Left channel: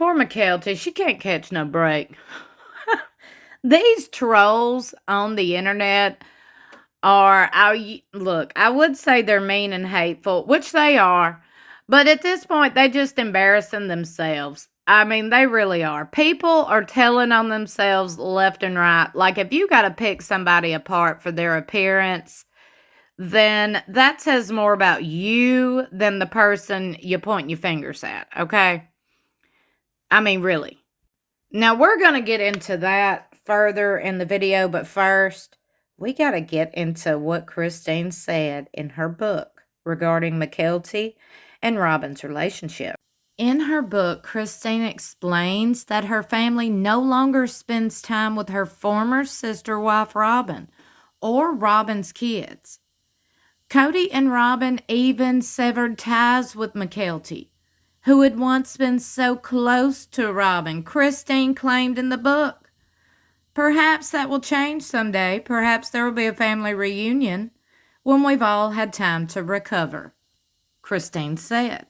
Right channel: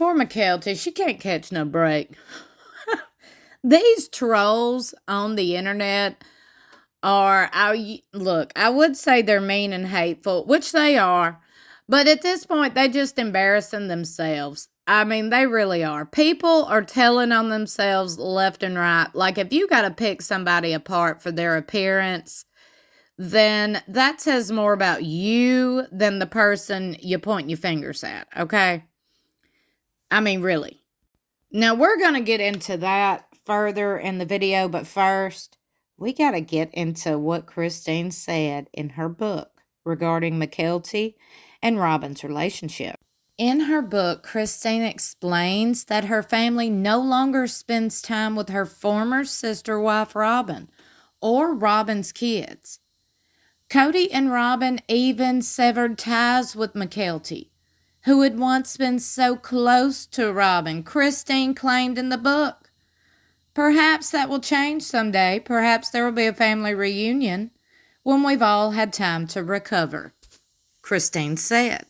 Poor Mykelti, she can't catch no break. These trolls on the internet look, I would say they're mean and hateful, which they are, but at this point, they just embarrassing themselves. I mean, they really are. People are telling on themselves left and right. Like, if you got to pick somebody apart for their appearance, then that says more about you than the person you point your fingers at, okay? I mean, really. Now, we're going to get into that further in the video, but first, we got to get into what Christine said in her book regarding Mykelti and Robyn's relationship. In her book, Christine explains that her family no longer spends time with her former sister wife, Robyn, or Robyn's kids. Kody and Robyn even severed ties with Mykelti, who had once been so close to Robyn, Christine claimed in the book. Perhaps that will change someday. Perhaps there will be a family reunion when we've all had time to recover, Christine said.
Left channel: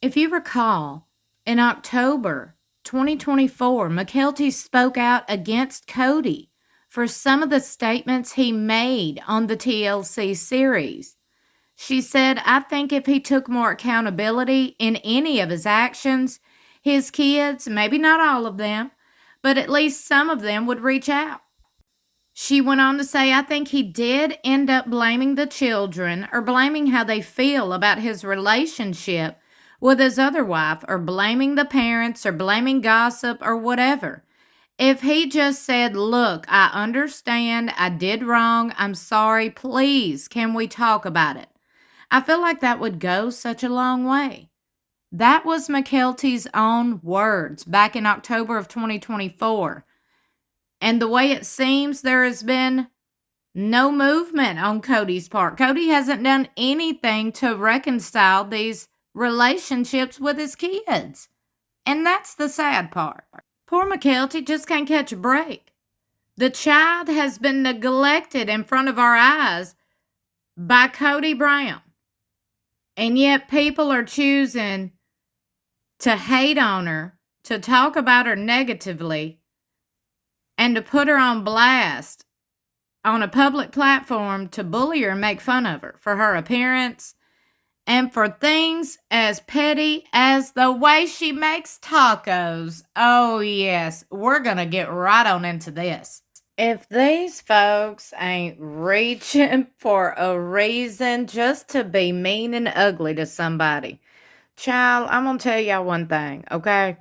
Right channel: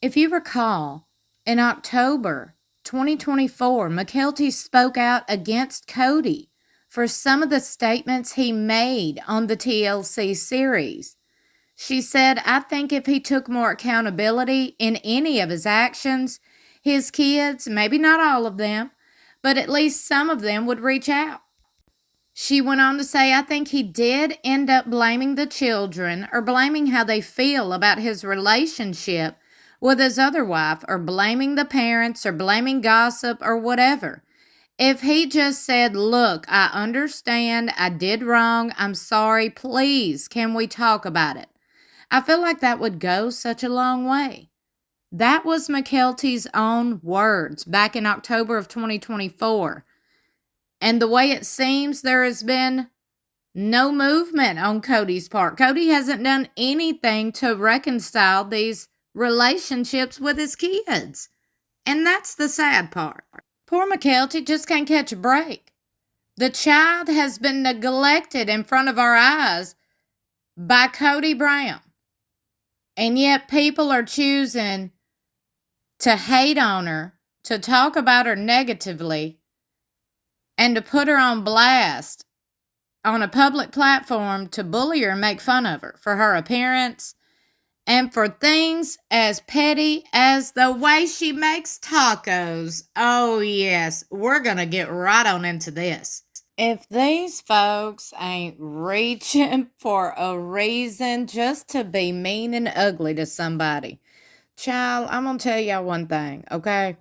If you recall, in October 2024, Mykelti spoke out against Kody for some of the statements he made on the TLC series. She said, I think if he took more accountability in any of his actions, his kids, maybe not all of them, but at least some of them would reach out. She went on to say, I think he did end up blaming the children or blaming how they feel about his relationship with his other wife or blaming the parents or blaming gossip or whatever. If he just said, look, I understand, I did wrong, I'm sorry, please, can we talk about it? I feel like that would go such a long way. That was Mykelti's own words back in October of 2024. And the way it seems, there has been no movement on Kody's part. Kody hasn't done anything to reconcile these relationships with his kids. And that's the sad part. Poor Mykelti just can't catch a break. The child has been neglected in front of our eyes by Kody Brown. And yet people are choosing to hate on her, to talk about her negatively, and to put her on blast on a public platform to bully her and make fun of her for her appearance and for things as petty as the way she makes tacos. Oh, yes, we're going to get right on into this. If these folks ain't reaching for a reason just to be mean and ugly to somebody, child, I'm going to tell y'all one thing, okay?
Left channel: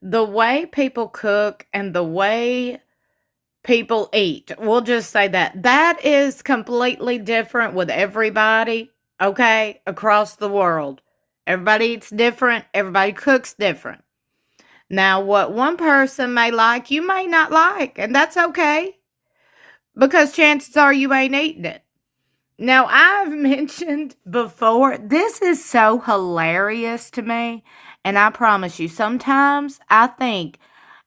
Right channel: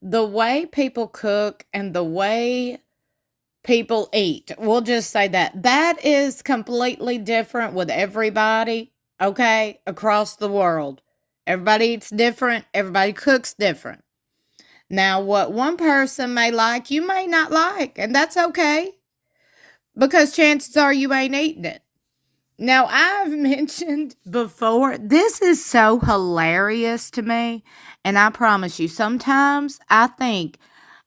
The way people cook and the way people eat, we'll just say that is completely different with everybody, okay, across the world. Everybody eats different. Everybody cooks different. Now, what one person may like, you may not like, and that's okay, because chances are you ain't eating it. Now, I've mentioned before, this is so hilarious to me, and I promise you, sometimes I think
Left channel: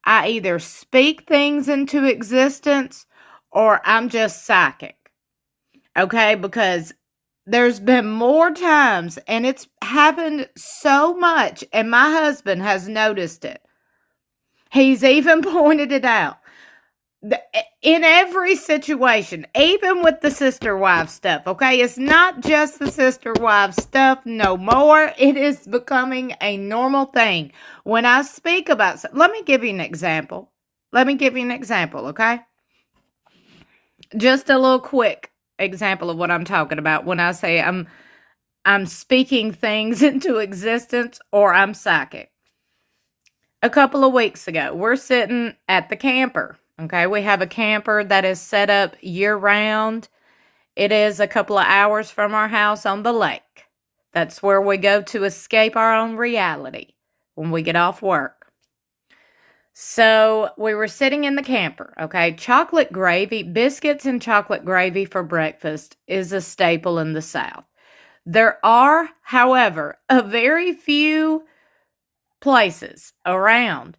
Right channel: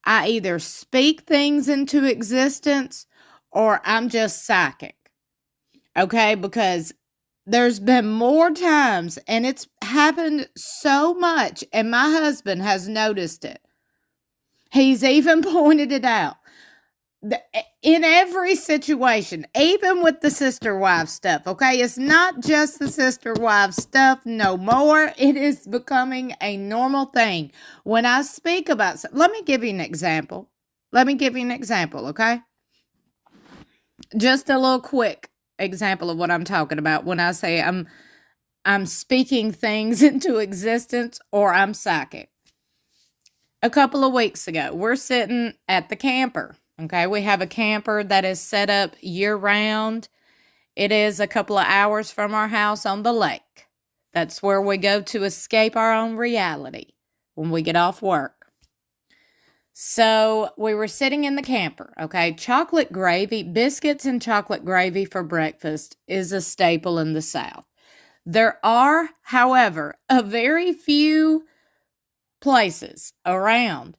I either speak things into existence or I'm just psychic, okay? Because there's been more times, and it's happened so much, and my husband has noticed it. He's even pointed it out. In every situation, even with the sister wife stuff, okay? It's not just the sister wife stuff no more. It is becoming a normal thing. When I speak about, let me give you an example. Okay? Just a little quick example of what I'm talking about when I say I'm speaking things into existence or I'm psychic. A couple of weeks ago, we're sitting at the camper. Okay, we have a camper that is set up year-round. It is a couple of hours from our house on the lake. That's where we go to escape our own reality when we get off work. So we were sitting in the camper, okay? Chocolate gravy, biscuits and chocolate gravy for breakfast is a staple in the South. There are, however, a very few places around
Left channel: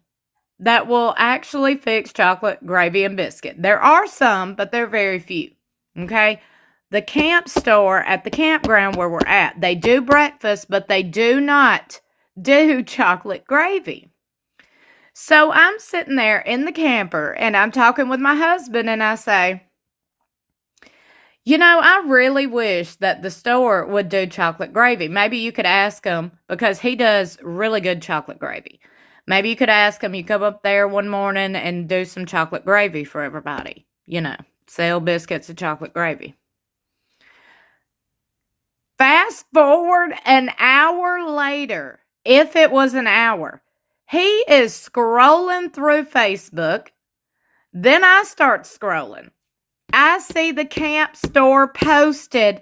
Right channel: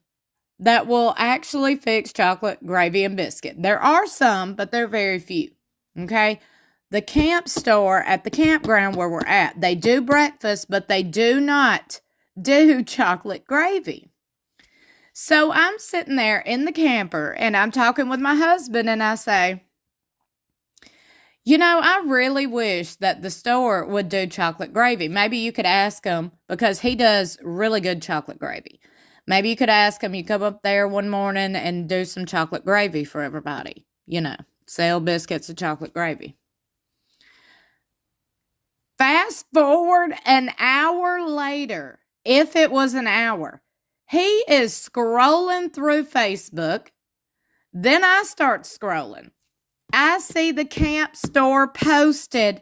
that will actually fix chocolate, gravy, and biscuit. There are some, but they're very few, okay? The camp store at the campground where we're at, they do breakfast, but they do not do chocolate gravy. So I'm sitting there in the camper and I'm talking with my husband and I say, I really wish that the store would do chocolate gravy. Maybe you could ask him because he does really good chocolate gravy. Maybe you could ask him, you come up there one morning and do some chocolate gravy for everybody. Sell biscuits and chocolate gravy. Fast forward an hour later, if it was an hour, he is scrolling through Facebook. Then I start scrolling. I see the camp store posted,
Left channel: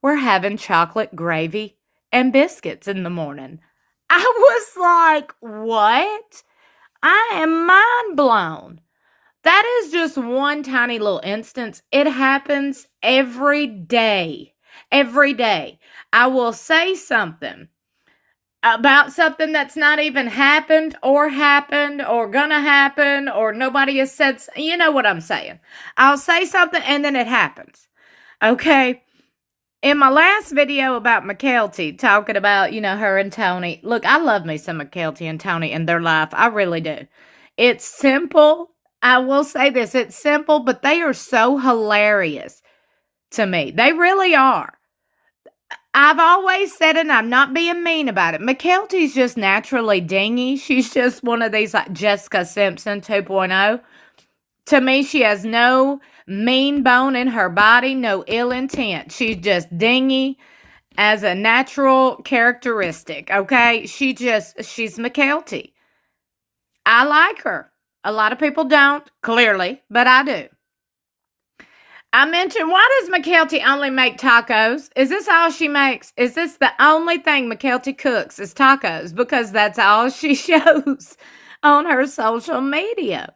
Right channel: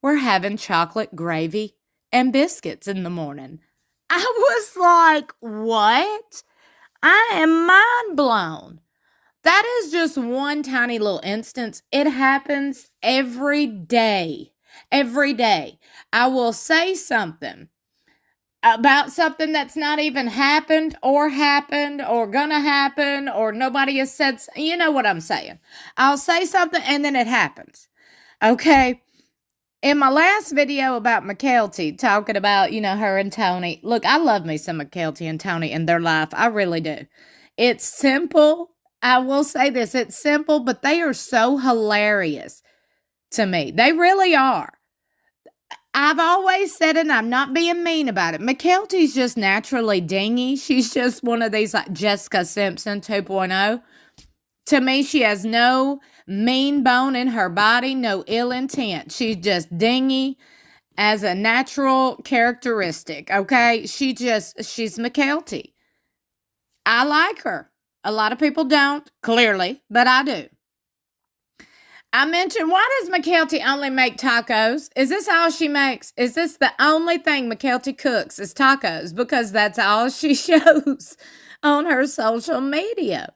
we're having chocolate gravy and biscuits in the morning. I was like, what? I am mind blown. That is just one tiny little instance. It happens every day. Every day. I will say something about something that's not even happened or gonna happen or nobody has said, you know what I'm saying. I'll say something and then it happens. Okay. In my last video about Mykelti, talking about, her and Tony. Look, I love me some Mykelti and Tony and their life. I really do. It's simple. I will say this. It's simple, but they are so hilarious to me. They really are. I've always said it, and I'm not being mean about it. Mykelti's just naturally dingy. She's just one of these like Jessica Simpson 2.0. To me, she has no mean bone in her body, no ill intent. She's just dingy as a natural characteristic, okay? She's Mykelti. I like her. A lot of people don't, clearly, but I do. I mentioned, why does Mykelti only make tacos? Is this all she makes? Is this the only thing Mykelti cooks is tacos? Because that's all she shows on her social media.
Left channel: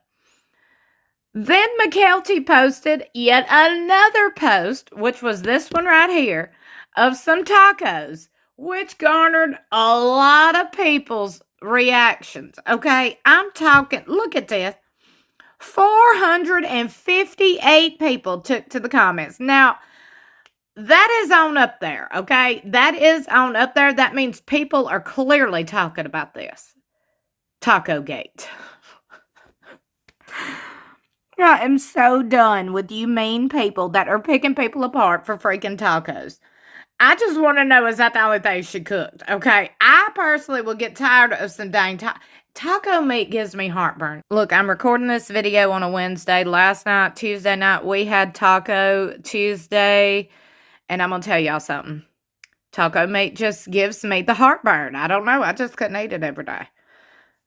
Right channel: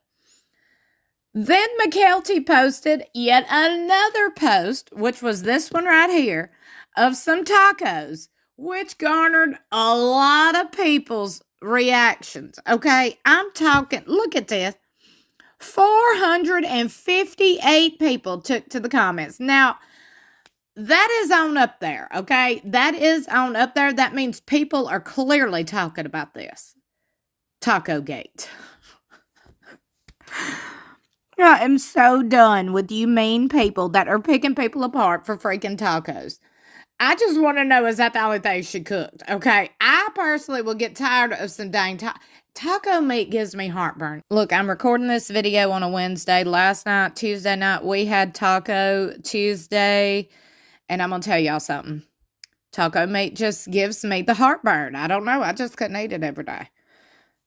Then Mykelti posted yet another post, which was this one right here, of some tacos, which garnered a lot of people's reactions. Okay, I'm talking, look at this. 458 people took to the comments. Now, that is on up there, okay? That is on up there. That means people are clearly talking about this. Taco Gate. I am so done with you mean people that are picking people apart for freaking tacos. I just want to know, is that the only thing she cooked? Okay, I personally will get tired of some dang taco meat gives me heartburn. Look, I'm recording this video on a Wednesday. Last night, Tuesday night, we had Taco Tuesday. And I'm going to tell y'all something. Taco meat just gives me the heartburn. I don't know. I just couldn't eat it every day.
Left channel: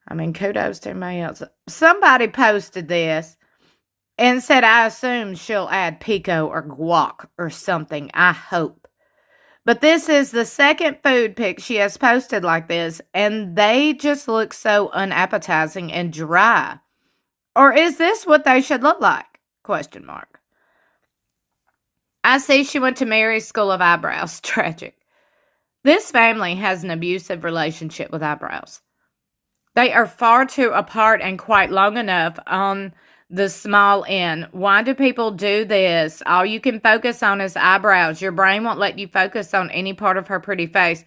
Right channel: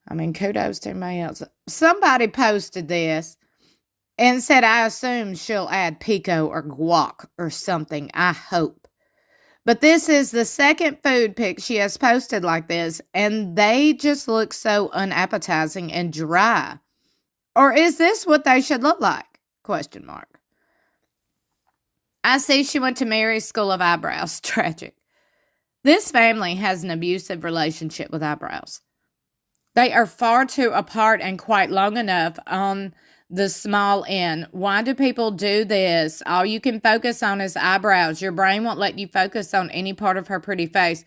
I mean, kudos to everybody else. Somebody posted this and said, I assume she'll add pico or guac or something. I hope. But this is the second food pic she has posted like this, and they just look so unappetizing and dry. Or is this what they should look like? Question mark. I see she went to Mary's School of Eyebrows. Tragic. This family has an abusive relationship with eyebrows. They are far too apart and quite long enough on the small end. Why do people do this? All you can focus on is eyebrows. Your brain won't let you focus on any part of her pretty face.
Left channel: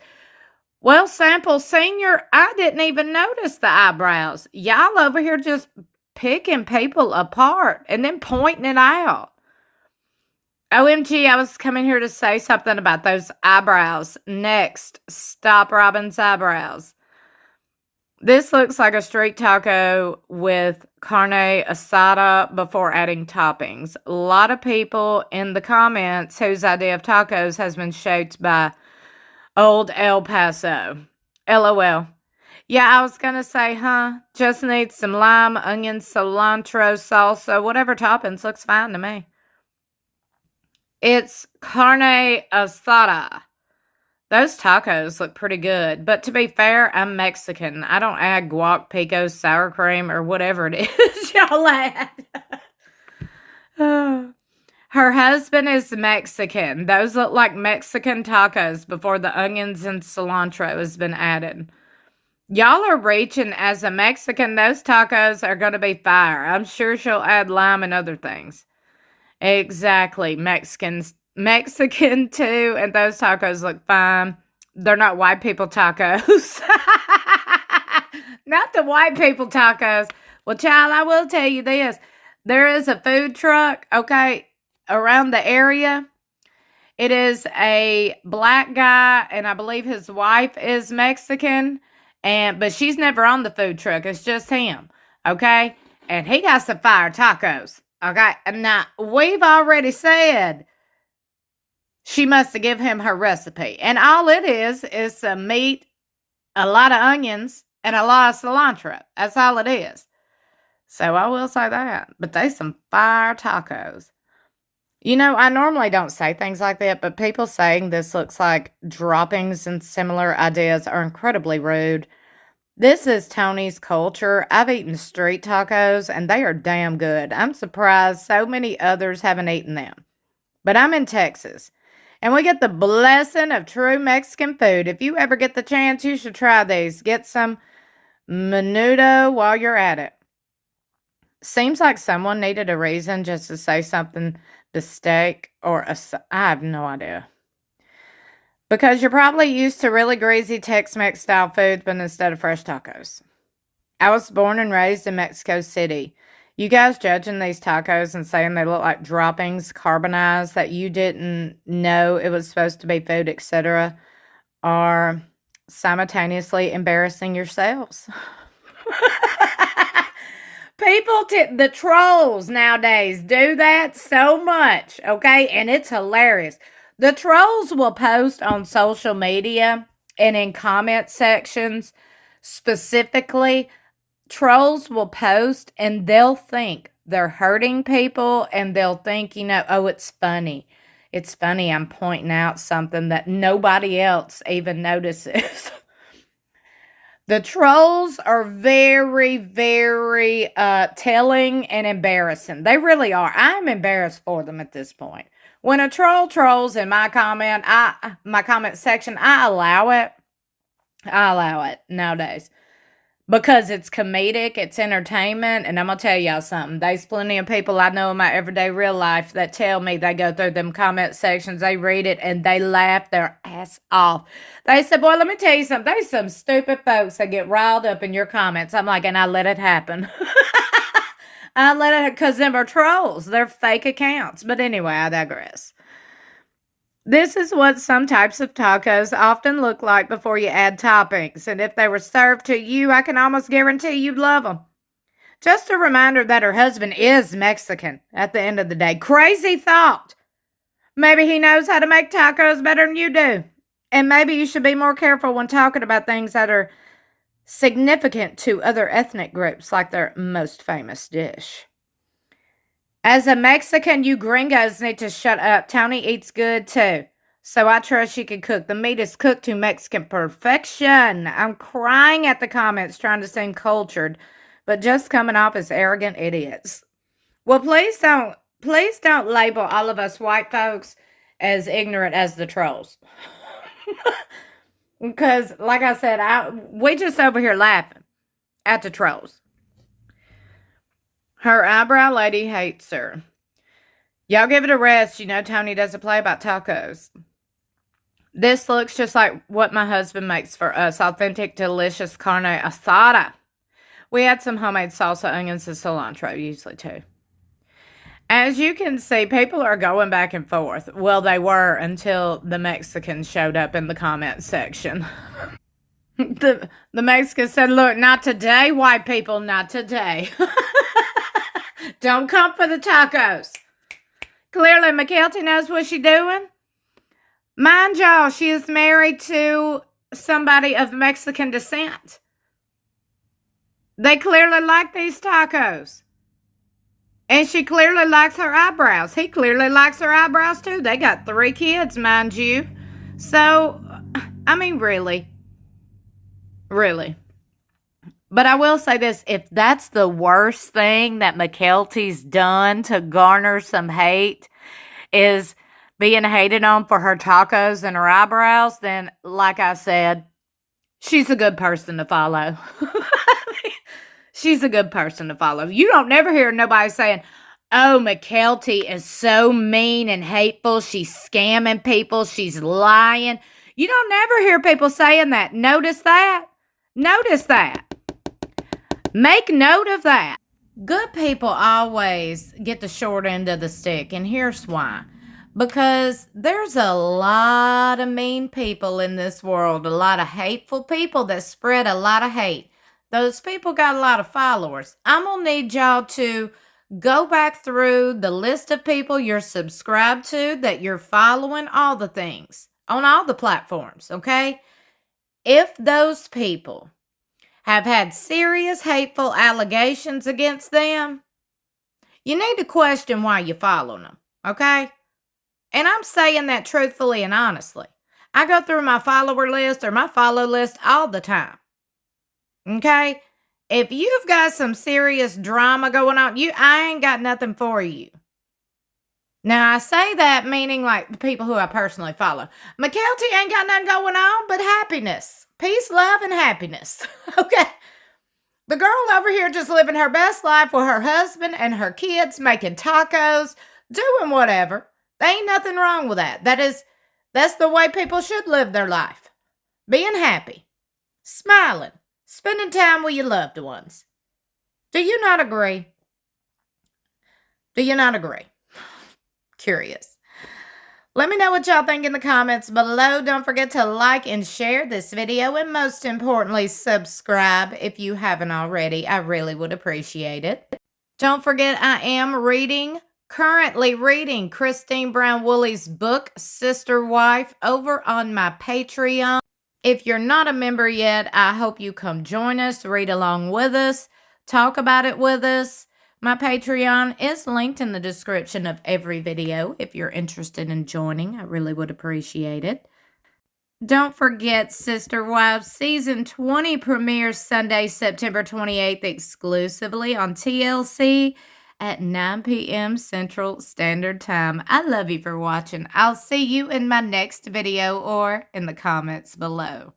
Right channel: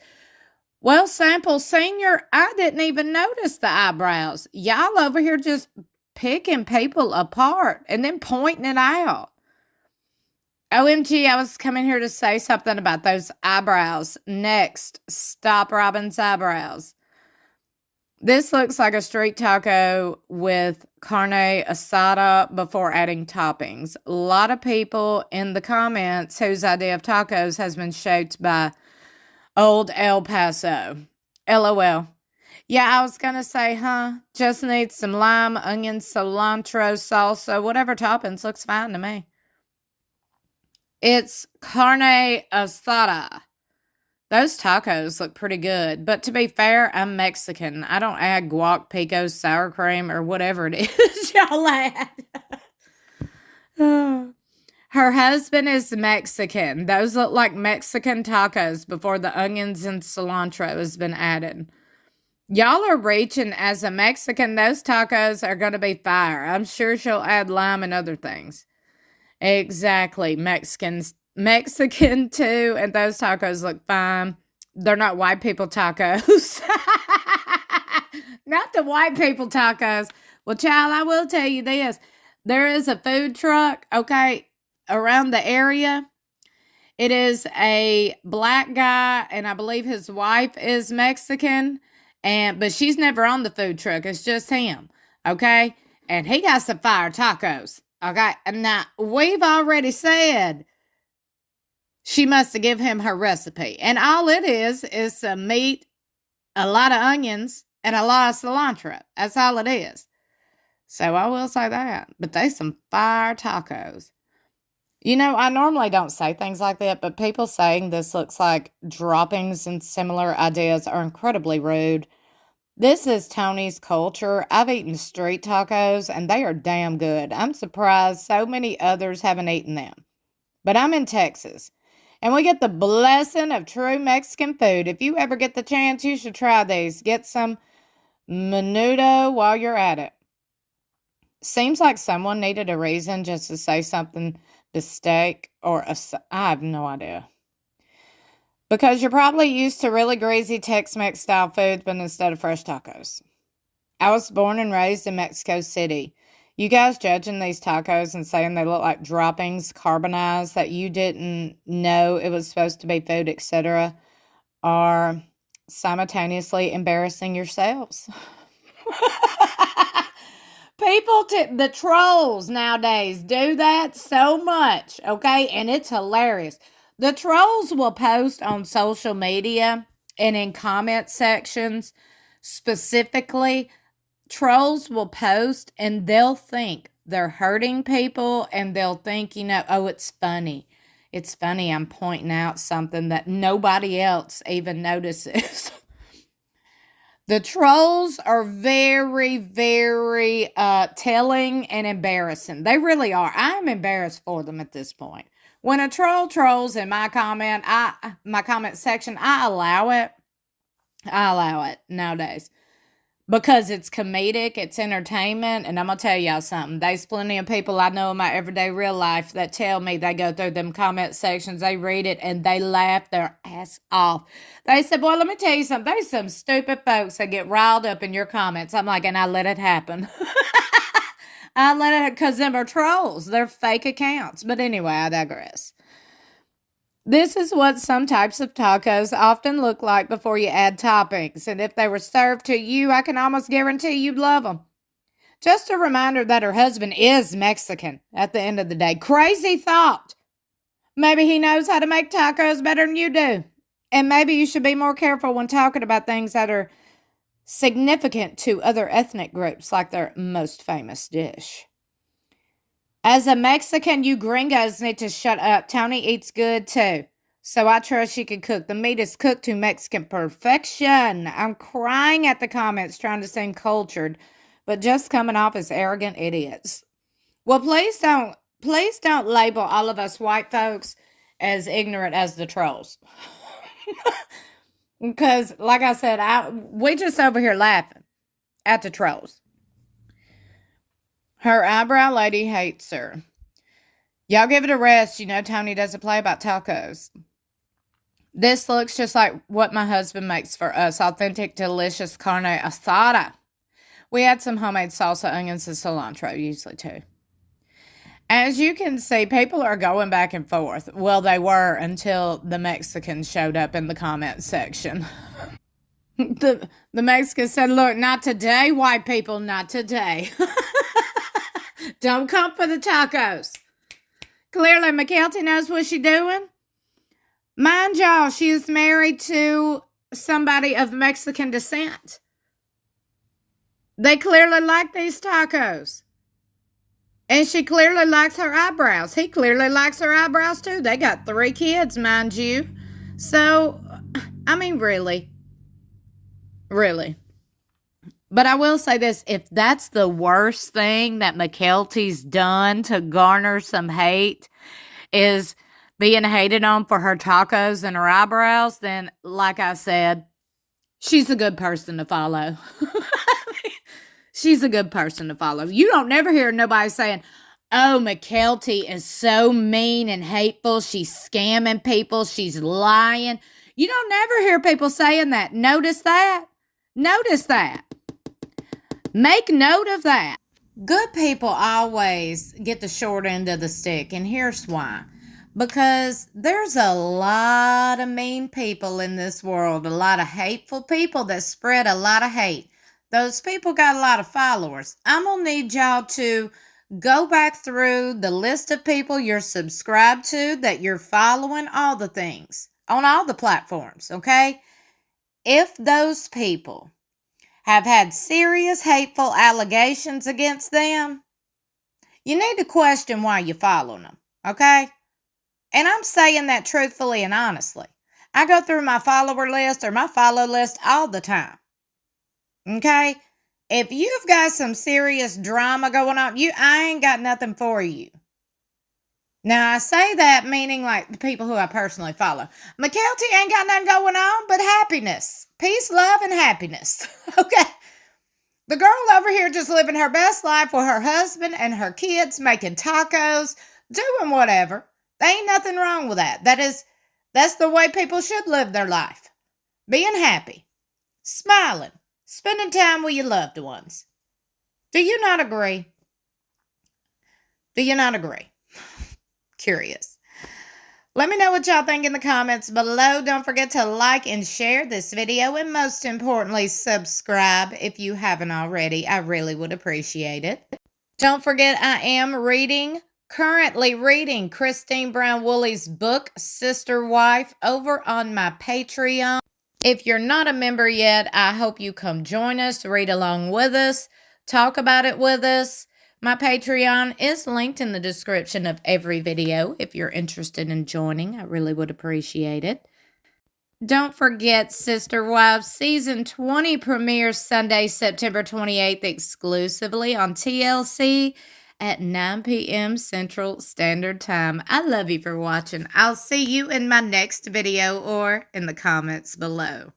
Well, Sample Senior, I didn't even notice the eyebrows. Y'all over here just picking people apart and then pointing it out. OMG, I was coming here to say something about those eyebrows. Next, stop Robyn's eyebrows. This looks like a street taco with carne asada before adding toppings. A lot of people in the comments whose idea of tacos has been shaped by Old El Paso. LOL. Yeah, I was going to say, just need some lime, onion, cilantro, salsa, whatever toppings looks fine to me. It's carne asada. Those tacos look pretty good, but to be fair, I'm Mexican. I don't add guac, pico, sour cream, or whatever it is y'all add. Her husband is Mexican. Those look like Mexican tacos before the onions and cilantro has been added. Y'all are reaching. As a Mexican, those tacos are going to be fire. I'm sure she'll add lime and other things. Exactly. Mexican too, and those tacos look fine. They're not white people tacos. Not the white people tacos. Well, child, I will tell you this. There is a food truck, okay, around the area. It is a black guy, and I believe his wife is Mexican, but she's never on the food truck. It's just him, okay? And he got some fire tacos, okay? And now, we've already said she must have given him her recipe. And all it is some meat, a lot of onions, and a lot of cilantro. That's all it is. So I will say that. But they some fire tacos. You know, I normally don't say things like that, but people saying this looks like droppings and similar ideas are incredibly rude. This is Tony's culture. I've eaten street tacos, and they are damn good. I'm surprised so many others haven't eaten them. But I'm in Texas, and we get the blessing of true Mexican food. If you ever get the chance, you should try these. Get some menudo while you're at it. Seems like someone needed a reason just to say something bistec or I have no idea. Because you're probably used to really greasy Tex-Mex style food, but instead of fresh tacos. I was born and raised in Mexico City. You guys judging these tacos and saying they look like droppings, carbonized, that you didn't know it was supposed to be food, etc., are simultaneously embarrassing yourselves. People, the trolls nowadays do that so much, okay? And it's hilarious. The trolls will post on social media and in comment sections specifically. Trolls will post and they'll think they're hurting people and they'll think, oh, it's funny. It's funny I'm pointing out something that nobody else even notices. The trolls are very, very telling and embarrassing. They really are. I'm embarrassed for them at this point. When a troll trolls in my comment section, I allow it. I allow it nowadays. Because it's comedic, it's entertainment, and I'm going to tell y'all something. There's plenty of people I know in my everyday real life that tell me they go through them comment sections, they read it, and they laugh their ass off. They said, boy, let me tell you something. There's some stupid folks that get riled up in your comments. I'm like, and I let it happen. I let it, because them are trolls. They're fake accounts. But anyway, I digress. This is what some types of tacos often look like before you add toppings. And if they were served to you, I can almost guarantee you'd love them. Just a reminder that her husband is Mexican at the end of the day. Crazy thought. Maybe he knows how to make tacos better than you do. And maybe you should be more careful when talking about things that are significant to other ethnic groups, like their most famous dish. As a Mexican, you gringos need to shut up. Tony eats good, too. So I trust she can cook. The meat is cooked to Mexican perfection. I'm crying at the comments trying to seem cultured, but just coming off as arrogant idiots. Well, please don't label all of us white folks as ignorant as the trolls. Because, like I said, we just over here laughing at the trolls. Her eyebrow lady hates her. Y'all give it a rest. You know Tony doesn't play about tacos. This looks just like what my husband makes for us. Authentic, delicious carne asada. We add some homemade salsa, onions, and cilantro, usually too. As you can see, people are going back and forth. Well, they were until the Mexicans showed up in the comment section. The Mexicans said, look, not today, white people, not today. Don't come for the tacos. Clearly, Mykelti knows what she's doing. Mind y'all, she is married to somebody of Mexican descent. They clearly like these tacos. And she clearly likes her eyebrows. He clearly likes her eyebrows too. They got 3 kids, mind you. So, I mean, really. Really. But I will say this, if that's the worst thing that Mykelti's done to garner some hate is being hated on for her tacos and her eyebrows, then, like I said, she's a good person to follow. She's a good person to follow. You don't never hear nobody saying, oh, Mykelti is so mean and hateful. She's scamming people. She's lying. You don't never hear people saying that. Notice that. Notice that. Make note of that. Good people always get the short end of the stick, and here's why. Because there's a lot of mean people in this world, a lot of hateful people that spread a lot of hate. Those people got a lot of followers. I'm going to need y'all to go back through the list of people you're subscribed to, that you're following, all the things on all the platforms, okay? If those people have had serious hateful allegations against them, you need to question why you're following them, okay? And I'm saying that truthfully and honestly. I go through my follower list or my follow list all the time, okay? If you've got some serious drama going on, I ain't got nothing for you. Now, I say that meaning like the people who I personally follow. Mykelti ain't got nothing going on but happiness. Peace, love, and happiness. Okay? The girl over here just living her best life with her husband and her kids, making tacos, doing whatever. There ain't nothing wrong with that. That's the way people should live their life. Being happy, smiling, spending time with your loved ones. Do you not agree? Do you not agree? Curious. Let me know what y'all think in the comments below. Don't forget to like and share this video, and most importantly, subscribe if you haven't already. I really would appreciate it. Don't forget, I am currently reading Christine Brown Woolley's book, Sister Wife, over on my Patreon. If you're not a member yet, I hope you come join us, read along with us, talk about it with us. My Patreon is linked in the description of every video if you're interested in joining. I really would appreciate it. Don't forget, Sister Wives Season 20 premieres Sunday, September 28th, exclusively on TLC at 9 p.m. Central Standard Time. I love you for watching. I'll see you in my next video or in the comments below.